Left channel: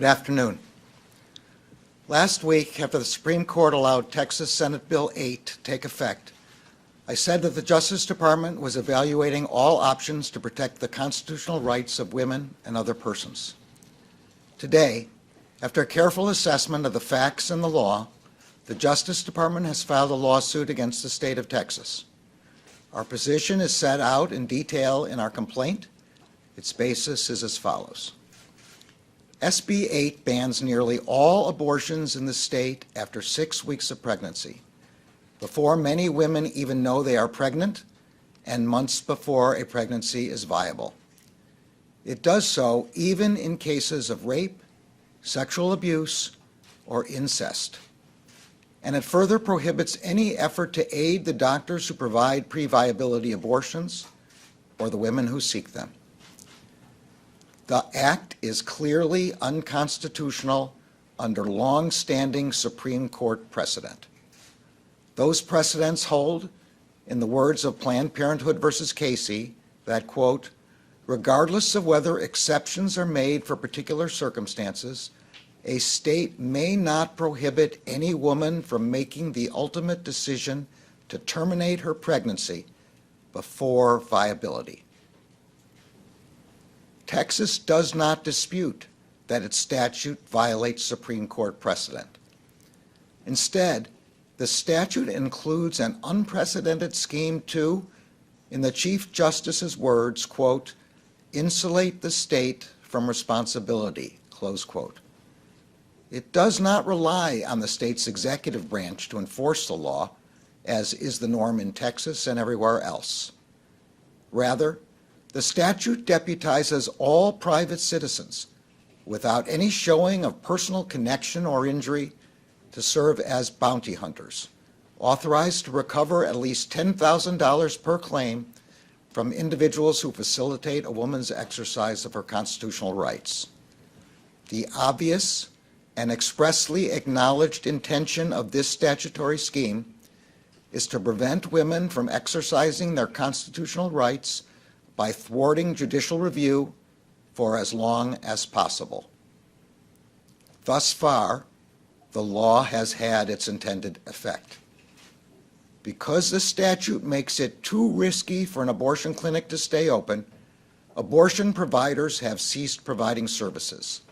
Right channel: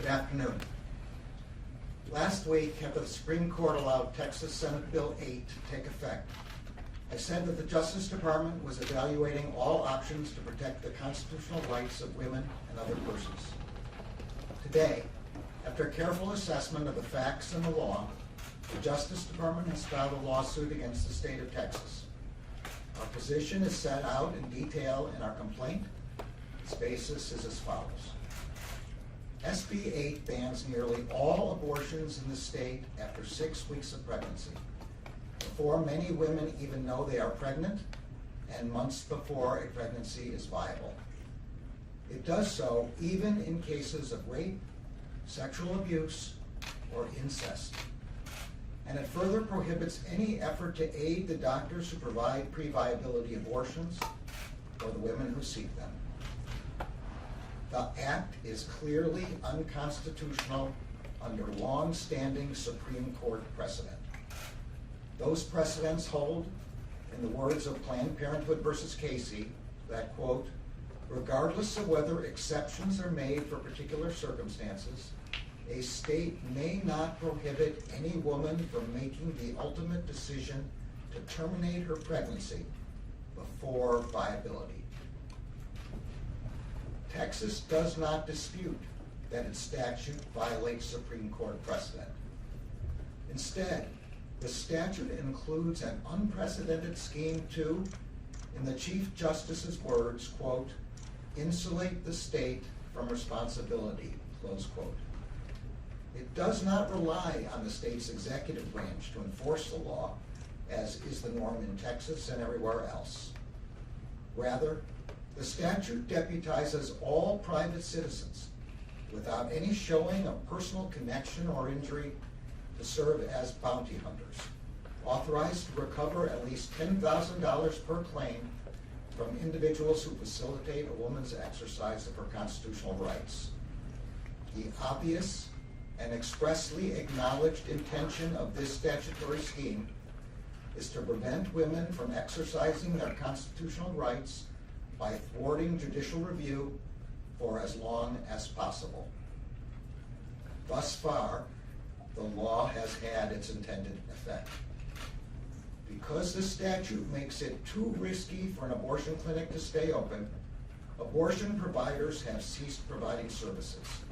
Good afternoon. Last week, after the Supreme Court allowed Texas Senate Bill 8 to take effect, I said that the Justice Department was evaluating all options to protect the constitutional rights of women and other persons. Today, after a careful assessment of the facts and the law, the Justice Department has filed a lawsuit against the state of Texas. Our position is set out in detail in our complaint. Its basis is as follows. SB 8 bans nearly all abortions in the state after 6 weeks of pregnancy, before many women even know they are pregnant, and months before a pregnancy is viable. It does so even in cases of rape, sexual abuse, or incest. And it further prohibits any effort to aid the doctors who provide pre-viability abortions or the women who seek them. The act is clearly unconstitutional under long-standing Supreme Court precedent. Those precedents hold, in the words of Planned Parenthood versus Casey, that, quote, regardless of whether exceptions are made for particular circumstances, a state may not prohibit any woman from making the ultimate decision to terminate her pregnancy before viability. Texas does not dispute that its statute violates Supreme Court precedent. Instead, the statute includes an unprecedented scheme to, in the Chief Justice's words, quote, insulate the state from responsibility, close quote. It does not rely on the state's executive branch to enforce the law, as is the norm in Texas and everywhere else. Rather, the statute deputizes all private citizens, without any showing of personal connection or injury, to serve as bounty hunters, authorized to recover at least $10,000 per claim from individuals who facilitate a woman's exercise of her constitutional rights. The obvious and expressly acknowledged intention of this statutory scheme is to prevent women from exercising their constitutional rights by thwarting judicial review for as long as possible. Thus far, the law has had its intended effect. Because the statute makes it too risky for an abortion clinic to stay open, abortion providers have ceased providing services.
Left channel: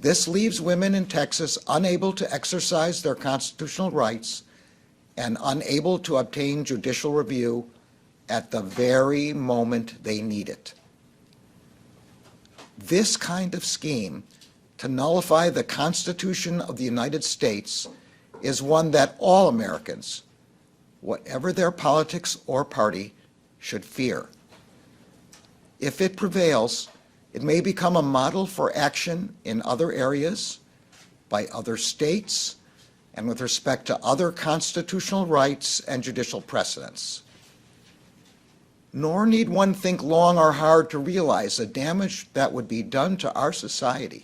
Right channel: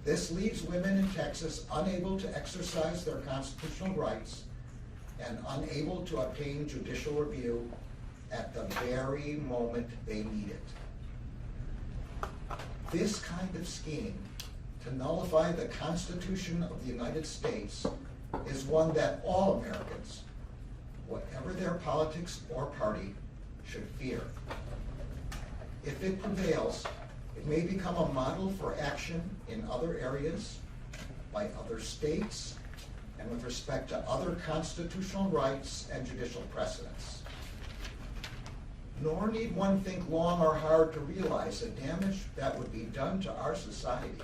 This leaves women in Texas unable to exercise their constitutional rights and unable to obtain judicial review at the very moment they need it. This kind of scheme to nullify the Constitution of the United States is one that all Americans, whatever their politics or party, should fear. If it prevails, it may become a model for action in other areas, by other states, and with respect to other constitutional rights and judicial precedents. Nor need one think long or hard to realize the damage that would be done to our society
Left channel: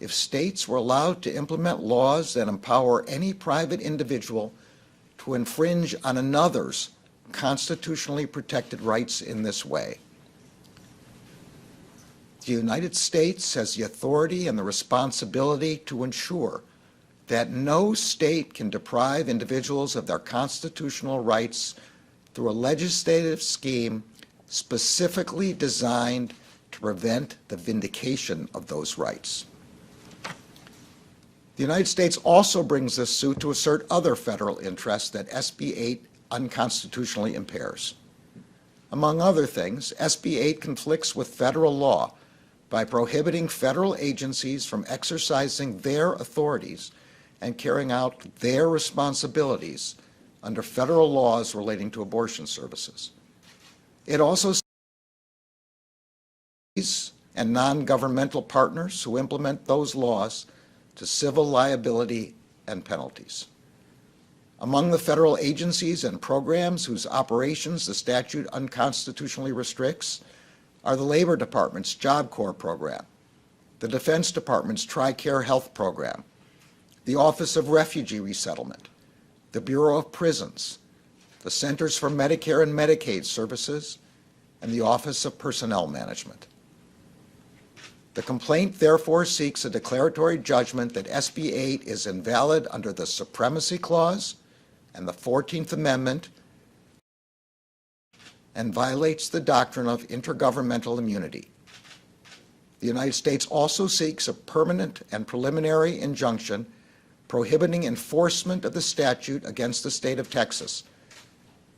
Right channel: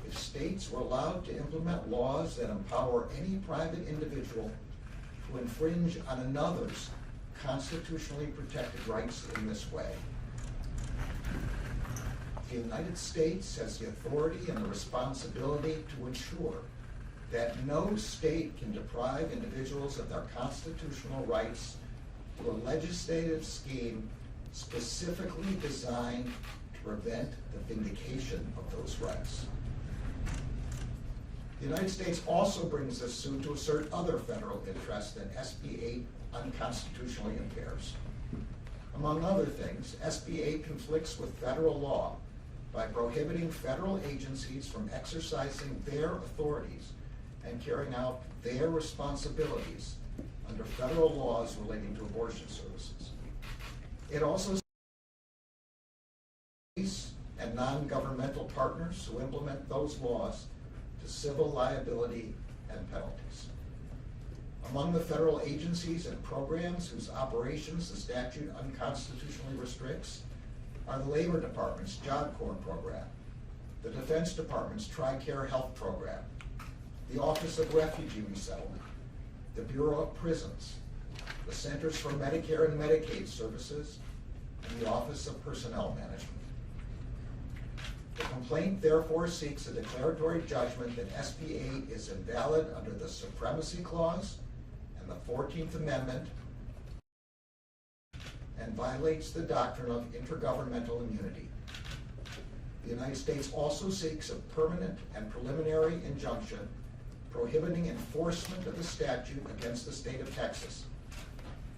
if states were allowed to implement laws that empower any private individual to infringe on another's constitutionally protected rights in this way. The United States has the authority and the responsibility to ensure that no state can deprive individuals of their constitutional rights through a legislative scheme specifically designed to prevent the vindication of those rights. The United States also brings this suit to assert other federal interests that SB 8 unconstitutionally impairs. Among other things, SB 8 conflicts with federal law by prohibiting federal agencies from exercising their authorities and carrying out their responsibilities under federal laws relating to abortion services. It also and non-governmental partners who implement those laws to civil liability and penalties. Among the federal agencies and programs whose operations the statute unconstitutionally restricts are the Labor Department's Job Corps program, the Defense Department's TRICARE Health program, the Office of Refugee Resettlement, the Bureau of Prisons, the Centers for Medicare and Medicaid Services, and the Office of Personnel Management. The complaint therefore seeks a declaratory judgment that SB 8 is invalid under the Supremacy Clause and the 14th Amendment and violates the doctrine of intergovernmental immunity. The United States also seeks a permanent and preliminary injunction prohibiting enforcement of the statute against the state of Texas,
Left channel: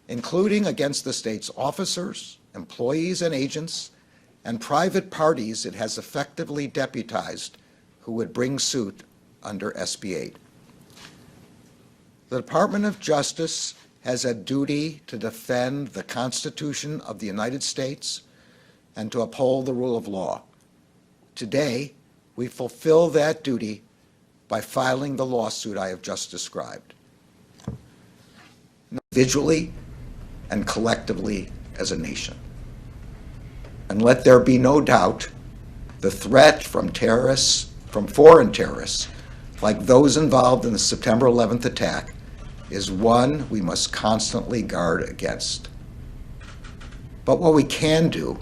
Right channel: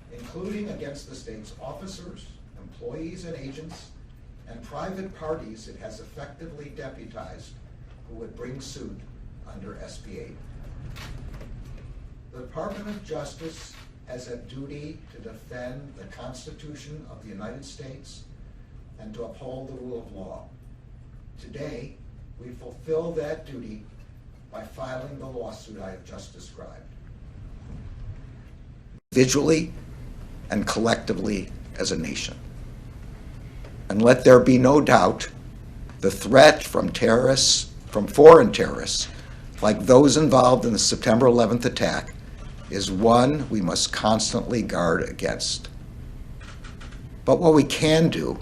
including against the state's officers, employees and agents, and private parties it has effectively deputized who would bring suit under SB 8. The Department of Justice has a duty to defend the Constitution of the United States and to uphold the rule of law. Today, we fulfill that duty by filing the lawsuit I have just described, individually and collectively as a nation. And let there be no doubt, the threat from terrorists, from foreign terrorists, like those involved in the September 11th attack, is one we must constantly guard against. But what we can do,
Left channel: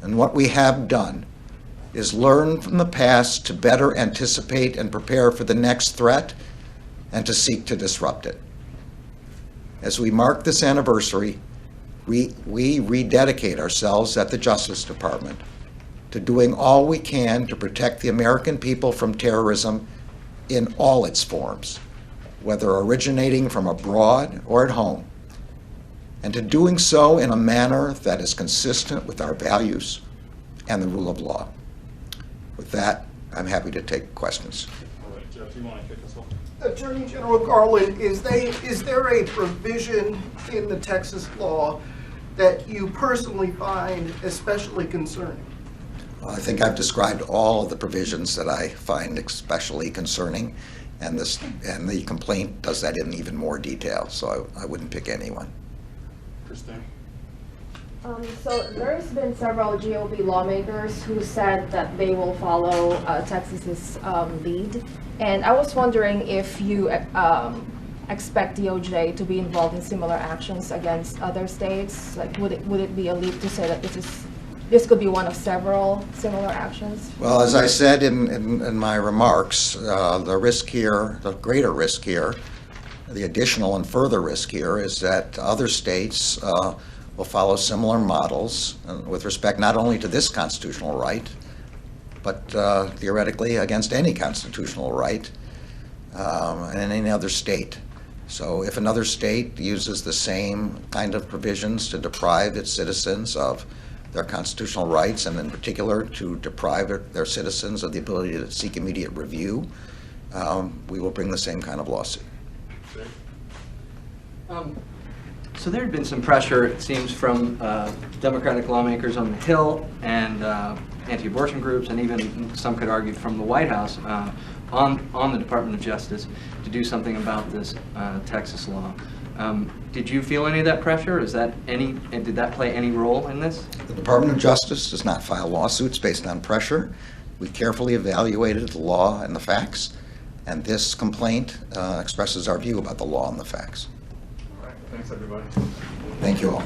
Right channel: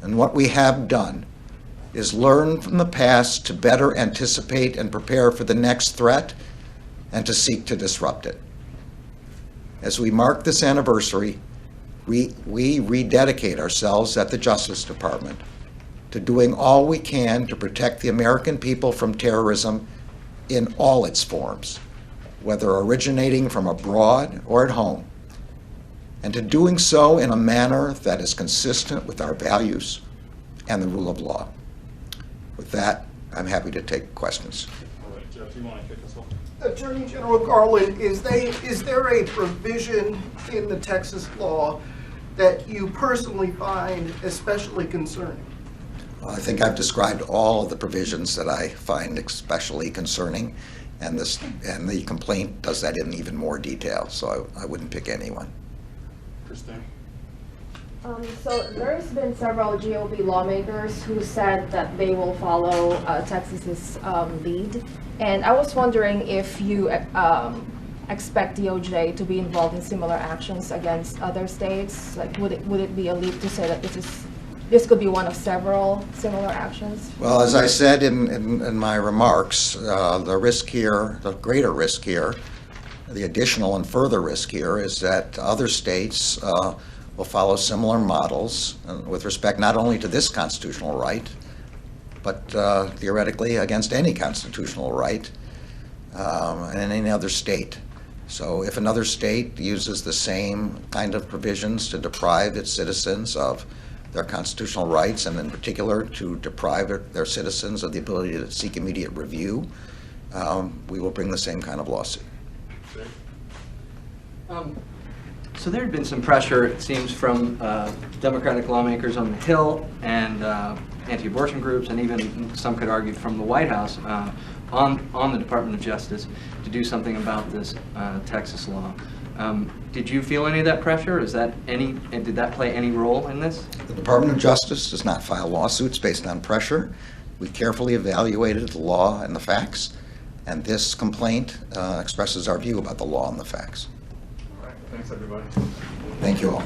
and what we have done, is learn from the past to better anticipate and prepare for the next threat and to seek to disrupt it. As we mark this anniversary, we rededicate ourselves at the Justice Department to doing all we can to protect the American people from terrorism in all its forms, whether originating from abroad or at home, and to doing so in a manner that is consistent with our values and the rule of law. With that, I'm happy to take questions. All right, Jeff, do you want to kick us off? Attorney General Garland, is there a provision in the Texas law that you personally find especially concerning? Well, I think I've described all of the provisions that I find especially concerning, and the complaint does that in even more detail, so I wouldn't pick any one. Christine? So there's been several GOP lawmakers who said that they will follow Texas's lead, and I was wondering if you expect DOJ to be involved in similar actions against other states. Like, would it be a leap to say that this could be one of several similar actions? Well, as I said in my remarks, the risk here, the greater risk here, the additional and further risk here is that other states will follow similar models with respect not only to this constitutional right, but theoretically against any constitutional right in any other state. So if another state uses the same kind of provisions to deprive its citizens of their constitutional rights, and in particular to deprive their citizens of the ability to seek immediate review, we will bring the same kind of lawsuit. So there had been some pressure, it seems, from Democratic lawmakers on the Hill and anti-abortion groups, and even some could argue from the White House on the Department of Justice to do something about this Texas law. Did you feel any of that pressure? Did that play any role in this? The Department of Justice does not file lawsuits based on pressure. We carefully evaluated the law and the facts, and this complaint expresses our view about the law and the facts. All right, thanks everybody. Thank you all.